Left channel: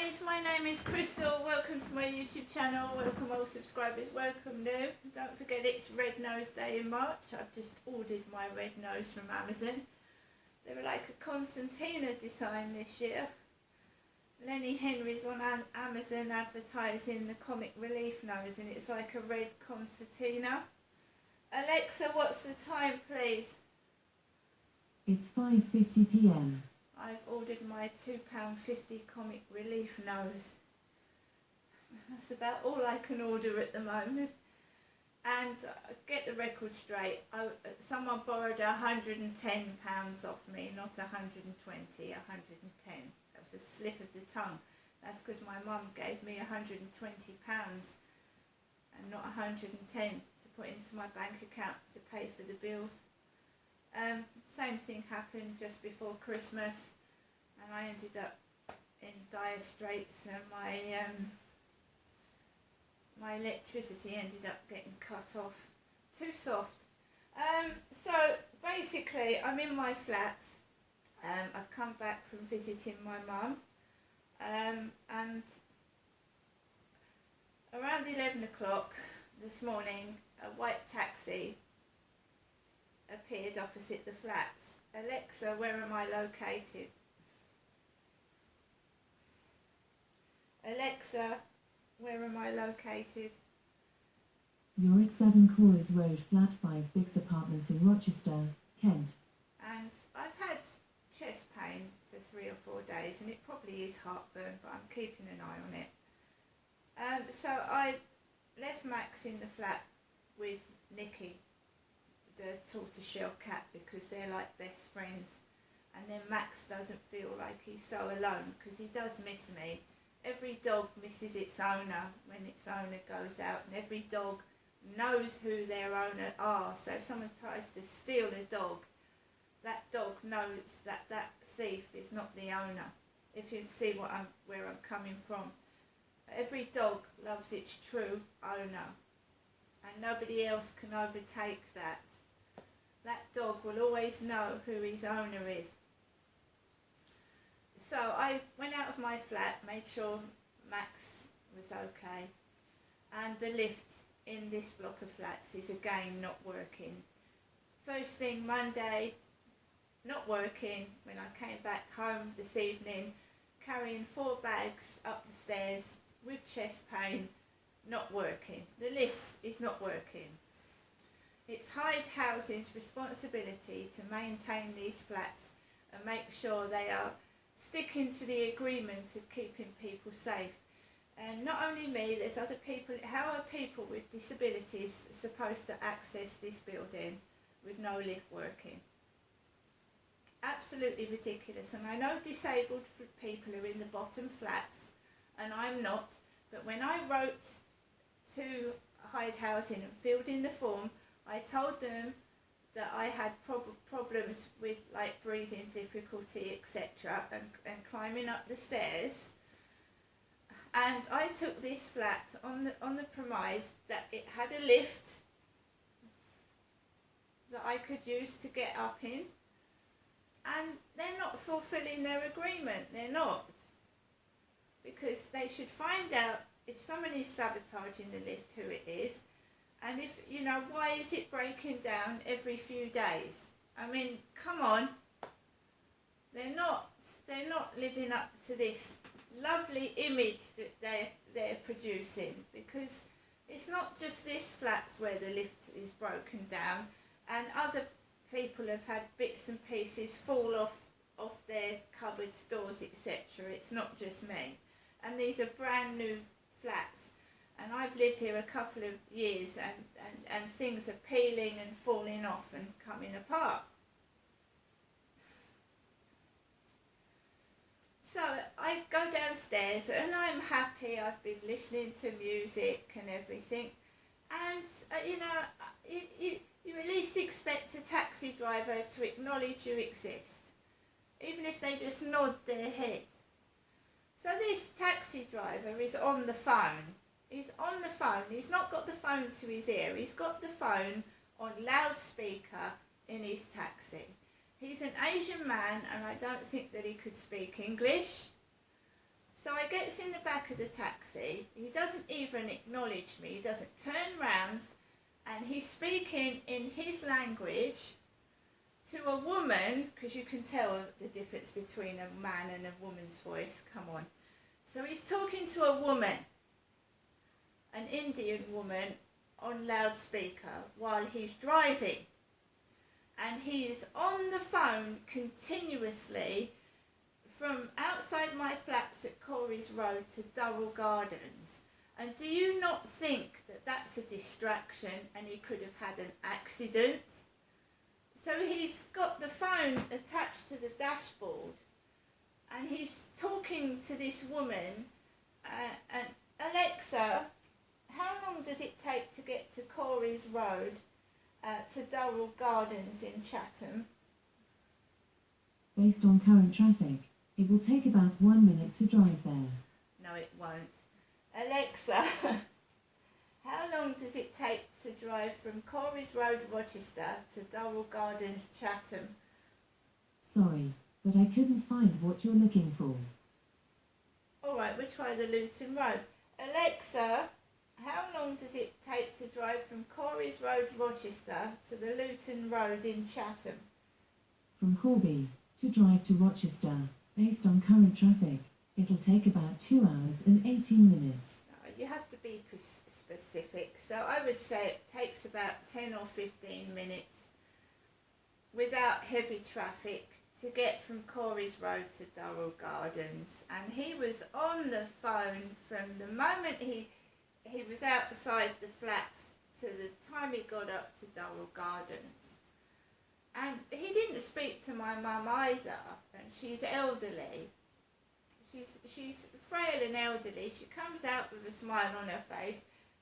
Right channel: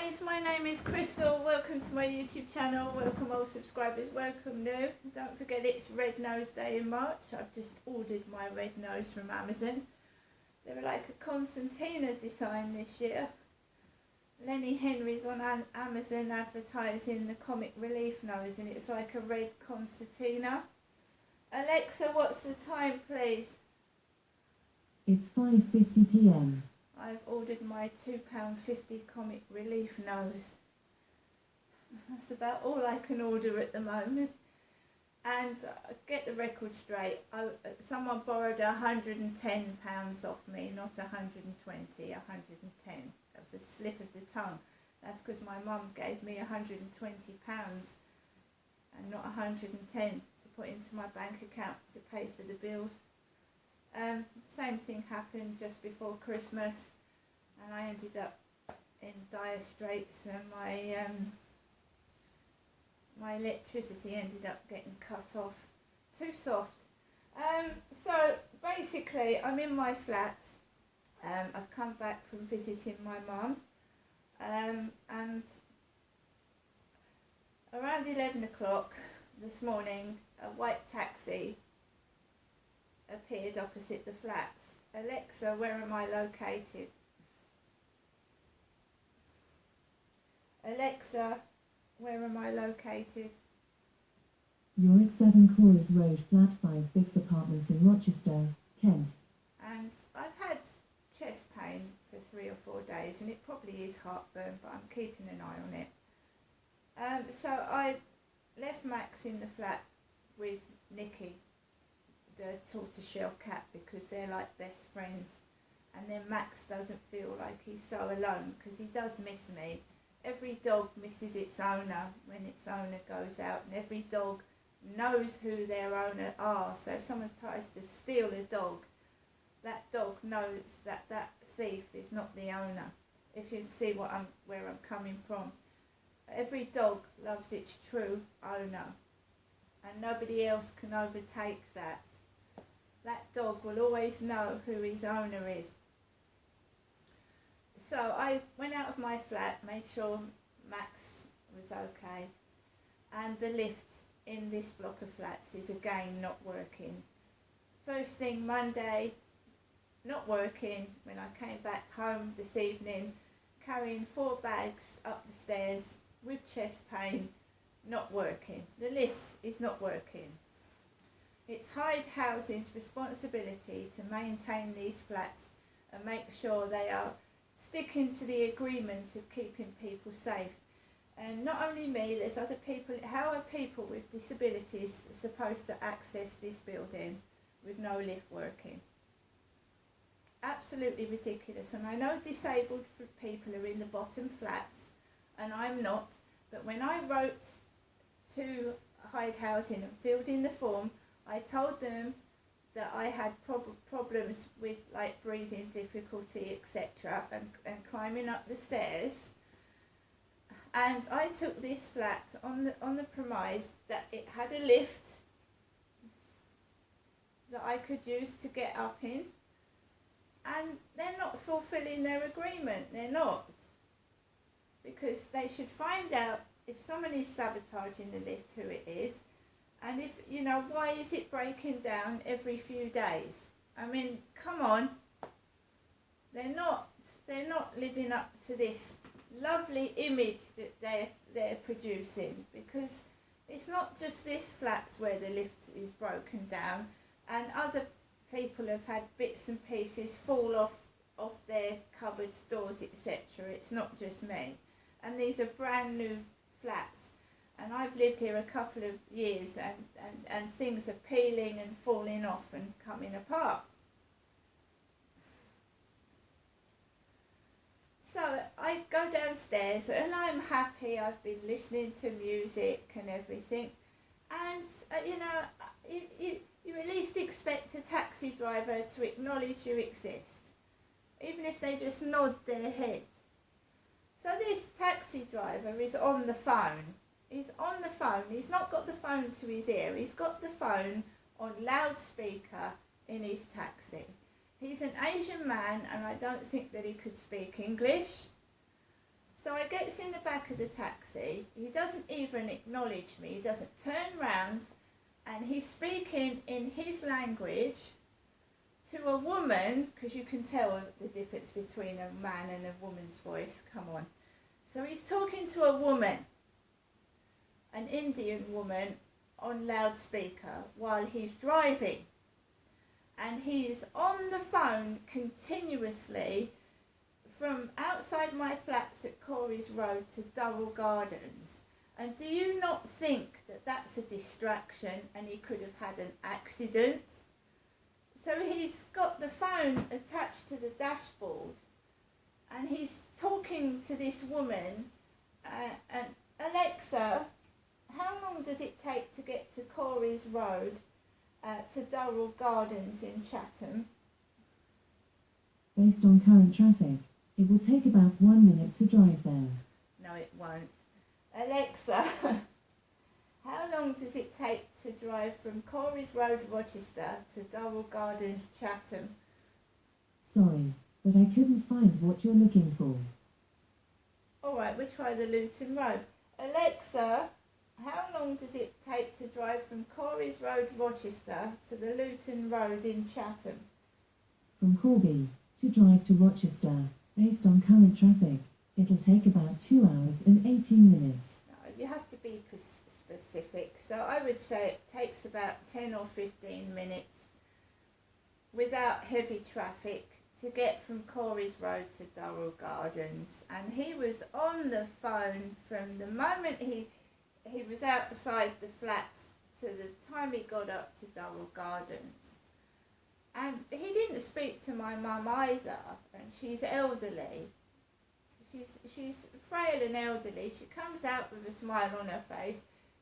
guys, my name is Crystal. Welcome to my YouTube channel. Welcome old subscribers, welcome new. Don't forget it's Red Nose Day in March. I've just ordered my red nose from Amazon. They were like a concertina design this year. Lenny Henry's on Amazon advertising the Comic Relief nose, and it's like a red concertina. Alexa, what's the time please? It's 5:50 p.m. I've ordered my £2.50 Comic Relief nose. That's about all I can order at the moment. And get the record straight, someone borrowed £110 off me, not 120, 110. That was a slip of the tongue. That's because my mum gave me £120 and not 110 to put into my bank account to pay for the bills. Same thing happened just before Christmas, and I ended up in dire straits, and my electricity ended up getting cut off. Too soft. So basically I'm in my flat. I've come back from visiting my mum, and around 11 o'clock this morning a white taxi appeared opposite the flats. Alexa, where am I located? Alexa, where am I located? You're at 7 Corers Road, Flat 5, Bix Apartments in Rochester, Kent. And I've had chest pain for 3 or 4 days, and it probably is heartburn, but I'm keeping an eye on it. So I left Max in the flat with Nikki, the tortoiseshell cat, because they're like best friends. And then Max doesn't feel like he's so alone, because he does miss me. Every dog misses its owner when its owner goes out, and every dog knows who their owner are. So if someone tries to steal a dog, that dog knows that that thief is not the owner. If you see where I'm coming from. Every dog loves its true owner, and nobody else can overtake that. That dog will always know who his owner is. So I went out of my flat, made sure Max was okay, and the lift in this block of flats is again not working. First thing Monday, not working. When I came back home this evening, carrying 4 bags up the stairs with chest pain, not working. The lift is not working. It's Hyde Housing's responsibility to maintain these flats and make sure they are sticking to the agreement of keeping people safe. And not only me, there's other people. How are people with disabilities supposed to access this building with no lift working? Absolutely ridiculous. And I know disabled people are in the bottom flats, and I'm not. But when I wrote to Hyde Housing and filled in the form, I told them that I had problems with like breathing difficulty, etc., and climbing up the stairs. And I took this flat on the premise that it had a lift that I could use to get up in. And they're not fulfilling their agreement. They're not. Because they should find out if someone is sabotaging the lift, who it is. And if, why is it breaking down every few days? I mean, come on. They're not living up to this lovely image that they're producing, because it's not just this flats where the lift is broken down, and other people have had bits and pieces fall off their cupboards, doors, etc. It's not just me. And these are brand new flats. And I've lived here a couple of years, and things are peeling and falling off and coming apart. So I go downstairs and I'm happy. I've been listening to music and everything. And, you at least expect a taxi driver to acknowledge you exist, even if they just nod their head. So this taxi driver is on the phone. He's on the phone. He's not got the phone to his ear. He's got the phone on loudspeaker in his taxi. He's an Asian man, and I don't think that he could speak English. So I gets in the back of the taxi. He doesn't even acknowledge me. He doesn't turn round, and he's speaking in his language to a woman, because you can tell the difference between a man and a woman's voice. Come on. So he's talking to a woman, an Indian woman, on loudspeaker while he's driving. And he's on the phone continuously from outside my flats at Corey's Road to Durrell Gardens. And do you not think that that's a distraction and he could have had an accident? So he's got the phone attached to the dashboard and he's talking to this woman and Alexa, how long does it take to get to Corey's Road to Durrell Gardens in Chatham? Based on current traffic, it will take about 1 minute to drive there. No, it won't. Alexa, how long does it take to drive from Corey's Road, Rochester to Durrell Gardens, Chatham? Sorry, but I couldn't find what you're looking for. All right, we'll try the Luton Road. Alexa, how long does it take to drive from Corey's Road, Rochester to the Luton Road in Chatham? From Corby to drive to Rochester, based on current traffic, it'll take about 2 hours and 18 minutes. You have to be specific. So I would say it takes about 10 or 15 minutes without heavy traffic to get from Corey's Road to Durrell Gardens. And he was on the phone from the moment he was outside the flats to the time he got up to Durrell Gardens. And he didn't speak to my mum either, and she's elderly. She's frail and elderly. She comes out with a smile on her face,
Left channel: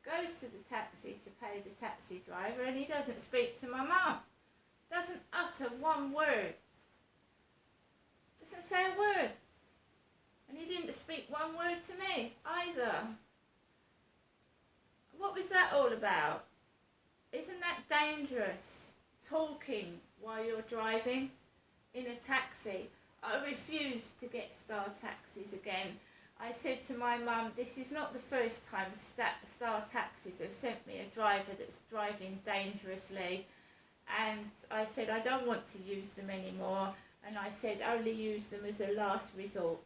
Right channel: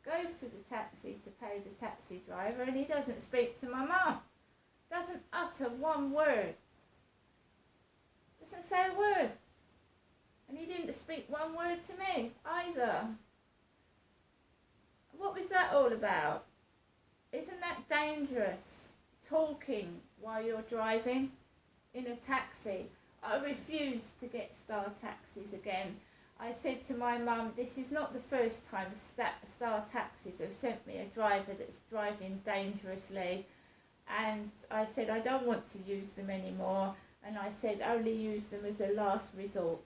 goes to the taxi to pay the taxi driver, and he doesn't speak to my mum. Doesn't utter one word. Doesn't say a word. And he didn't speak one word to me either. What was that all about? Isn't that dangerous? Talking while you're driving in a taxi. I refuse to get Star taxis again. I said to my mum, this is not the first time Star taxis have sent me a driver that's driving dangerously. And I said, I don't want to use them anymore. And I said, only use them as a last resort.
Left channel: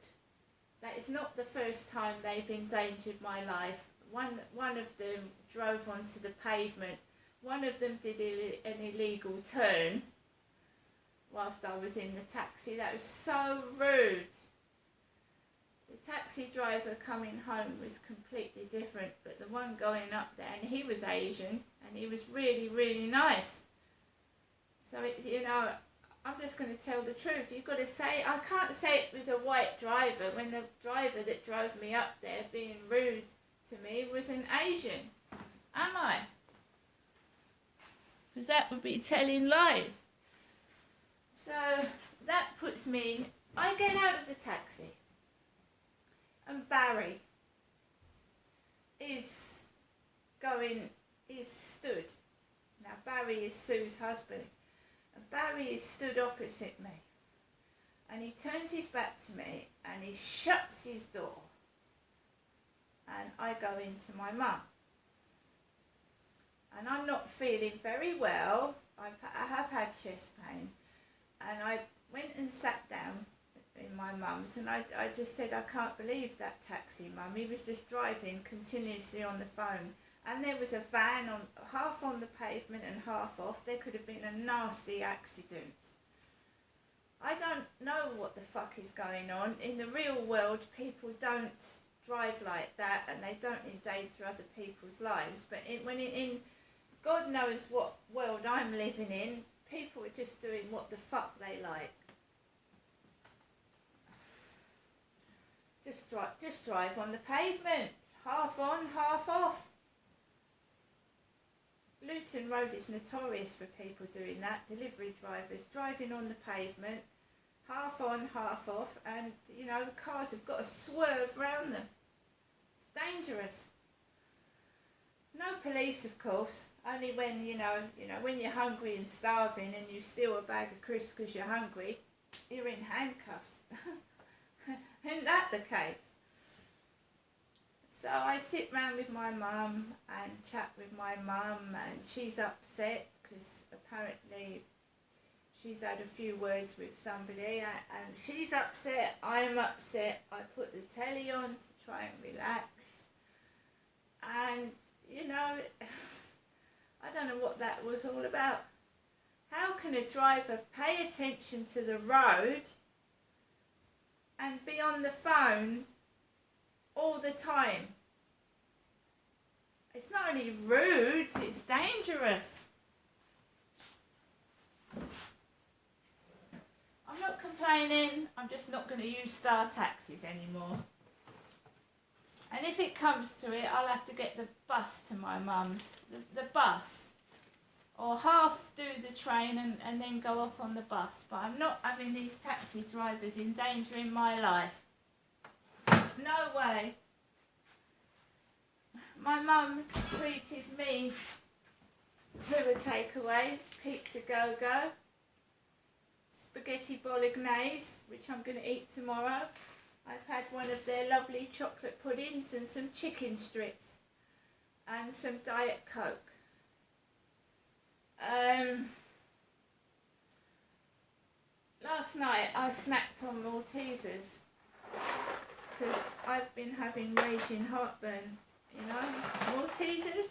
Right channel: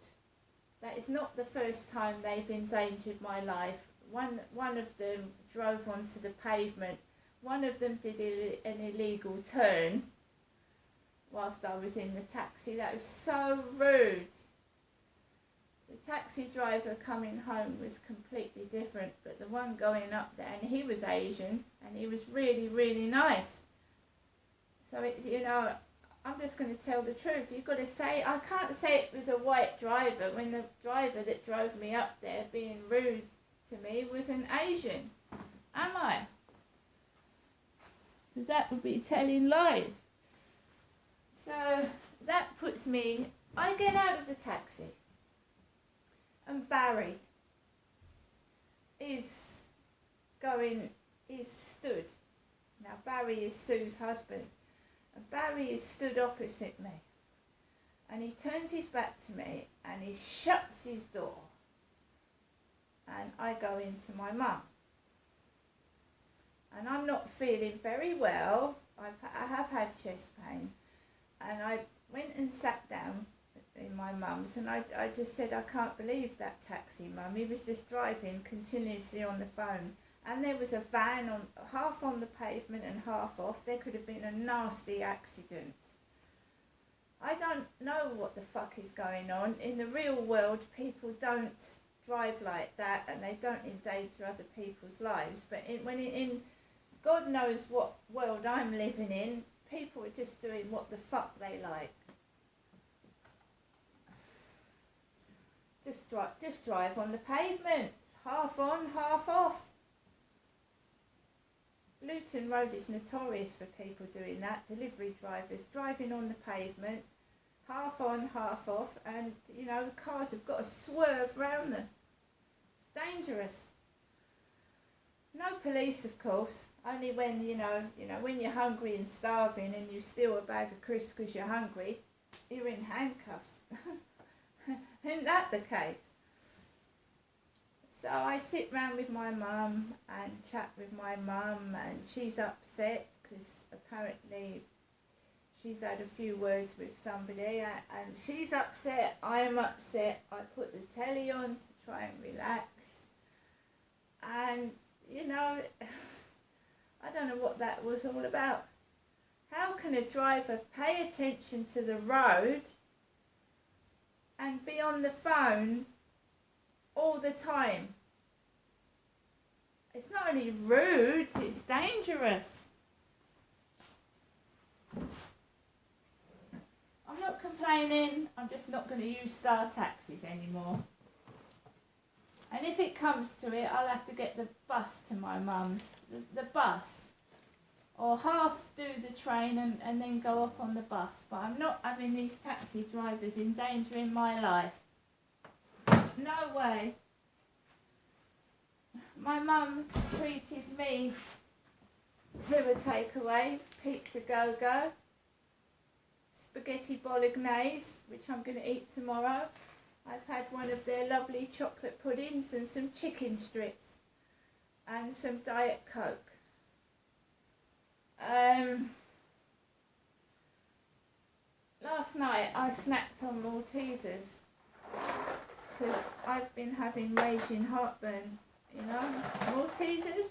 That is not the first time they've endangered my life. One of them drove onto the pavement. One of them did an illegal turn whilst I was in the taxi. That was so rude. The taxi driver coming home was completely different, but the one going up there, and he was Asian, and he was really, really nice. So it's, you know, I'm just going to tell the truth. You've got to say, I can't say it was a white driver when the driver that drove me up there being rude to me was an Asian. Am I? Because that would be telling lies. So that puts me, I get out of the taxi and Barry is stood. Now Barry is Sue's husband. And Barry is stood opposite me. And he turns his back to me and he shuts his door. And I go into my mum. And I'm not feeling very well. I have had chest pain. And I went and sat down in my mum's and I just said, I can't believe that taxi, Mum. He was just driving continuously on the phone. And there was a van on half on the pavement and half off. There could have been a nasty accident. I don't know what the fuck is going on. In the real world, people don't drive like that and they don't endanger other people's lives. But in God knows what world I'm living in, people are just doing what the fuck they like. Just drive on the pavement, half on, half off. Luton Road is notorious for people doing that, delivery drivers driving on the pavement, half on, half off, and you know the cars have got to swerve round them. It's dangerous. No police, of course. Only when you know when you're hungry and starving and you steal a bag of crisps because you're hungry, you're in handcuffs. Isn't that the case? So I sit round with my mum and chat with my mum, and she's upset because apparently she's had a few words with somebody, and she's upset, I'm upset. I put the telly on to try and relax, and you know, I don't know what that was all about. How can a driver pay attention to the road and be on the phone all the time? It's not only rude, it's dangerous. I'm not complaining, I'm just not going to use Star taxis anymore. And if it comes to it, I'll have to get the bus to my mum's, the bus. Or half do the train and then go up on the bus. But I'm not having these taxi drivers endangering my life. No way. My mum treated me to a takeaway, pizza go-go, spaghetti bolognese, which I'm going to eat tomorrow. I've had one of their lovely chocolate puddings and some chicken strips and some Diet Coke. Last night I snacked on Maltesers because I've been having raging heartburn, you know. Maltesers,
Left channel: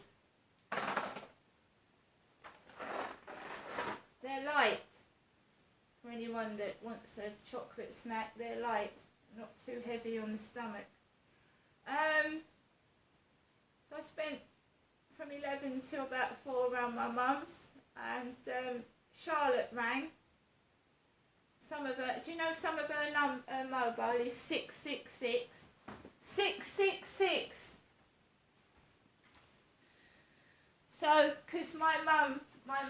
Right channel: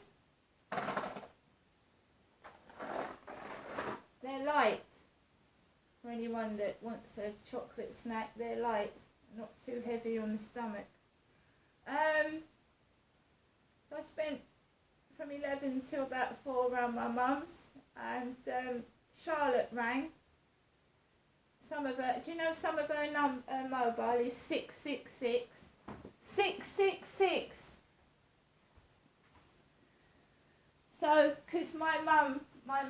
they're light. For anyone that wants a chocolate snack, they're light, not too heavy on the stomach. So I spent from 11 till about 4 around my mum's, and Charlotte rang. Some of her, do you know some of her mobile is 666 666. So, because my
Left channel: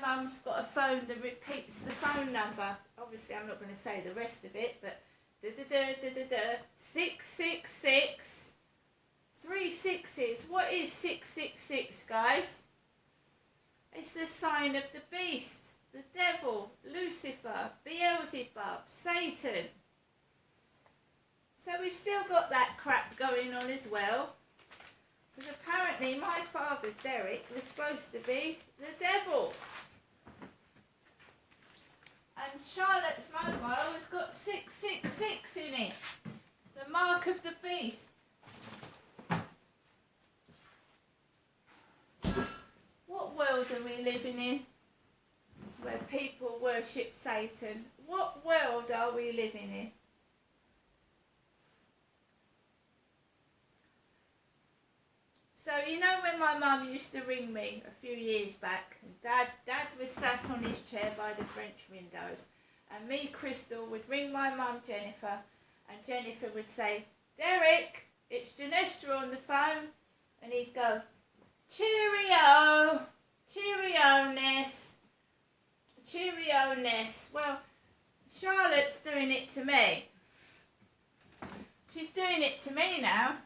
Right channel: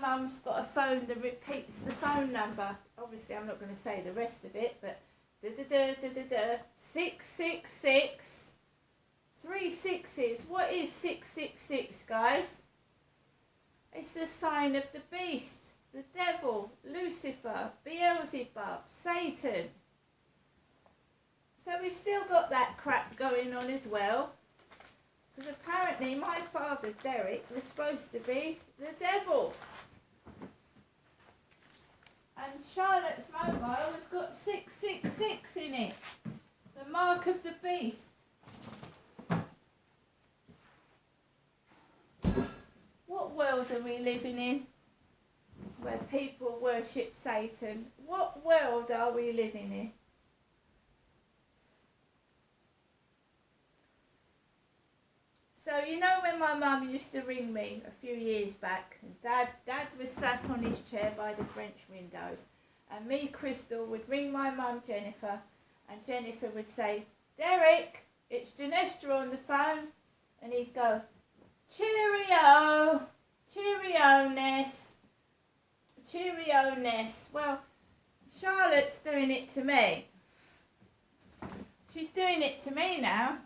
mum's got a phone that repeats the phone number. Obviously, I'm not going to say the rest of it, but 666 3 sixes. What is 666, guys? It's the sign of the beast, the devil, Lucifer, Beelzebub, Satan. So we've still got that crap going on as well. Because apparently my father, Derek, was supposed to be the devil. And Charlotte's mobile has got 666 in it. The mark of the beast. What world are we living in? Where people worship Satan. What world are we living in? So, you know when my mum used to ring me a few years back, and Dad was sat on his chair by the French windows, and me, Crystal, would ring my mum, Jennifer, and Jennifer would say, "Derek, it's Janestra on the phone," and he'd go, "Cheerio, cheerio, Ness, cheerio, Ness." Well, Charlotte's doing it to me. She's doing it to me now.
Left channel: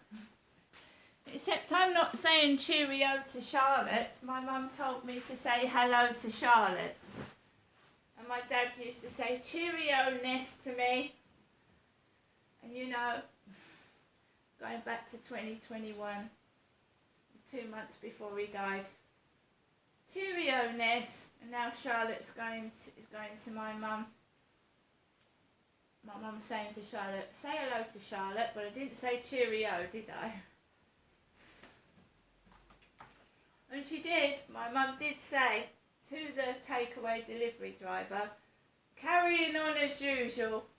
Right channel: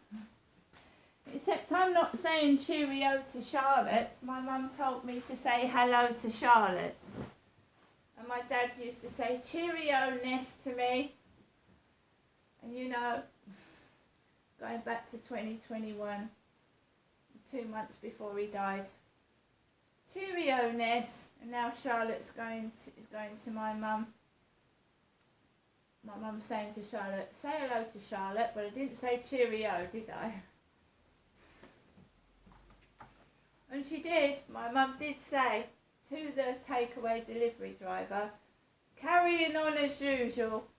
Except I'm not saying cheerio to Charlotte. My mum told me to say hello to Charlotte. And my dad used to say cheerio, Ness, to me. And you know, going back to 2021, 2 months before he died. Cheerio, Ness. And now Charlotte's going to my mum. My mum's saying to Charlotte, "Say hello to Charlotte." But I didn't say cheerio, did I? And she did. My mum did say to the takeaway delivery driver, "Carrying on as usual."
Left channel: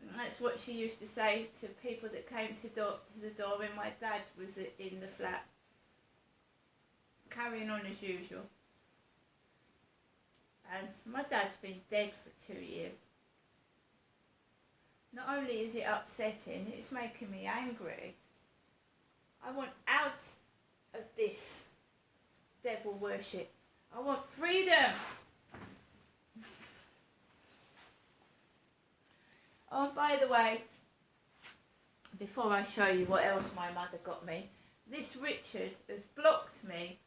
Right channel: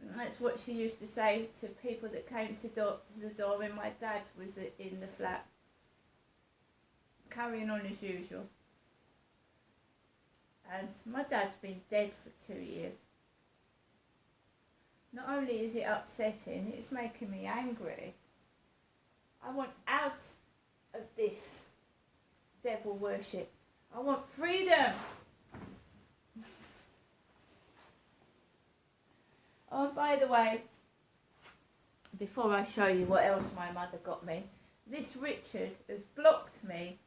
And that's what she used to say to people that came to the door when my dad was in the flat. Carrying on as usual. And my dad's been dead for 2 years. Not only is it upsetting, it's making me angry. I want out of this devil worship. I want freedom. Oh, by the way, before I show you what else my mother got me, this Richard has blocked me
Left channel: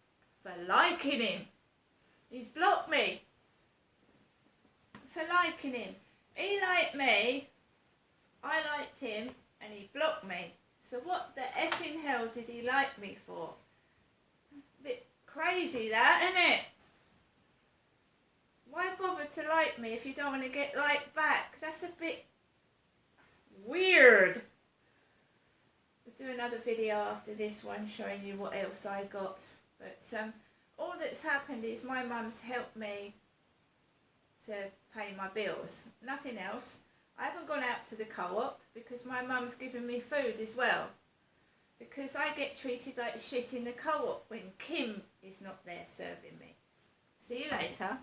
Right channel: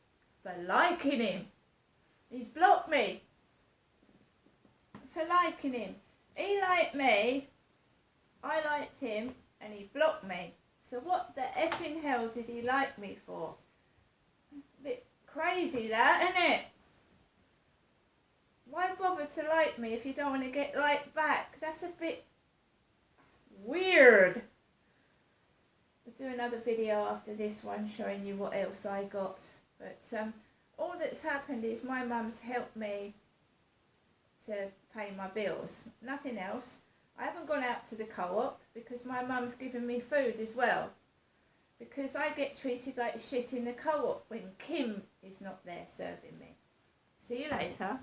for liking him. He's blocked me for liking him. He liked me, I liked him, and he blocked me. So what the effing hell did he like me for? Bit crazy that, isn't it? Why bother to like me if you don't want to get liked back? That's a bit weird. I'll do another video after this one showing you what else I got. But all that's happened is my mum's helped me to pay my bills. Nothing else. I haven't gone out to the co-op because my mum's given me food as well. Because I get treated like shit in the co-op when Kim is not there serving me. See you later.